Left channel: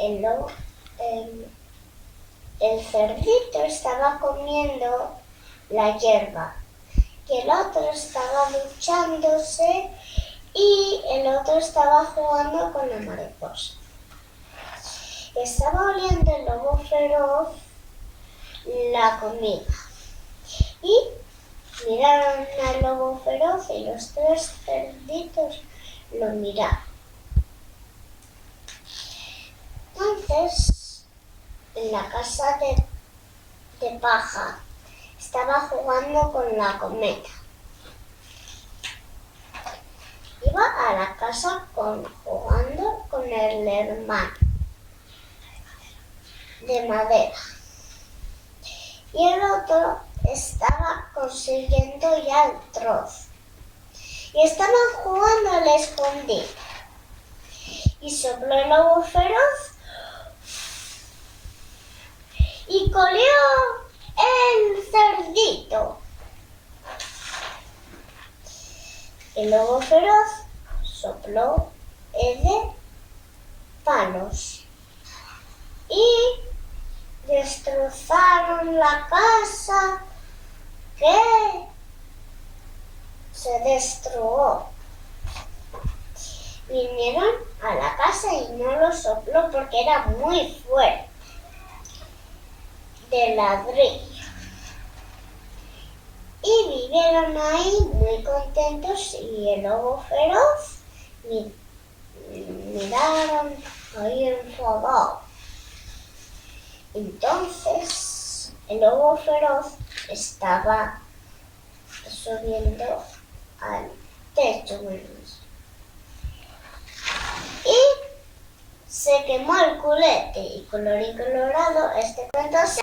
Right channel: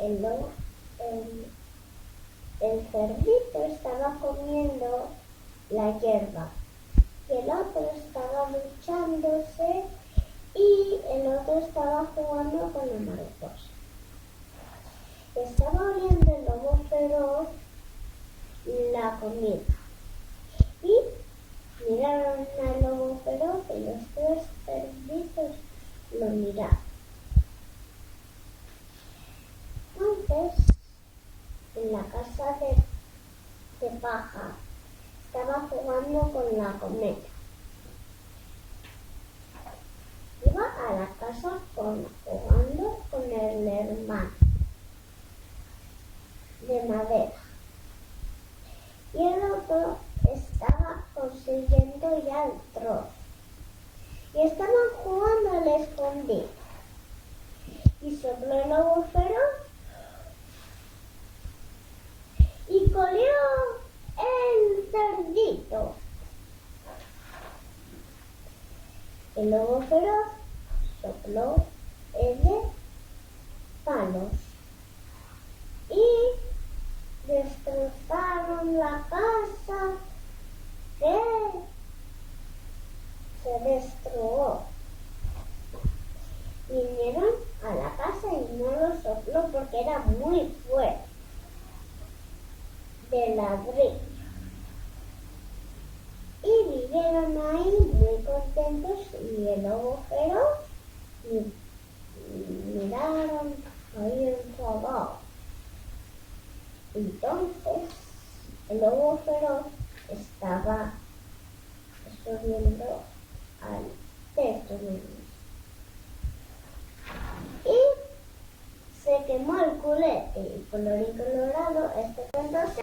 el lobo, el cerdito estaba comiendo la hierba y el otro estaba duchándose y el otro estaba jugando con la mariposa. Estaba oliendo el lobo feroz la comida y miraron al lobo feroz y los tres cerditos lo miraron. Entonces, en la casa de paja estaba jugando con la cometa. Iba a la casa jugando con el hermano de madera. Y el otro estaba consiguiendo ya el trozo. Y estaban jugando al escondite. Y sopló el lobo feroz y colió el cerdito. El lobo feroz sopló el de palos y destrozaron la casa que se destruyó. Vinieron a la casa y no lo sopló porque era muy fuerte, de ladrillo. Y vivieron ahí muy contentos y el lobo feroz miraron ahí enfadado. Entonces el lobo feroz estaba subiendo al techo y se quemó el culete y colorín colorado, este cuento se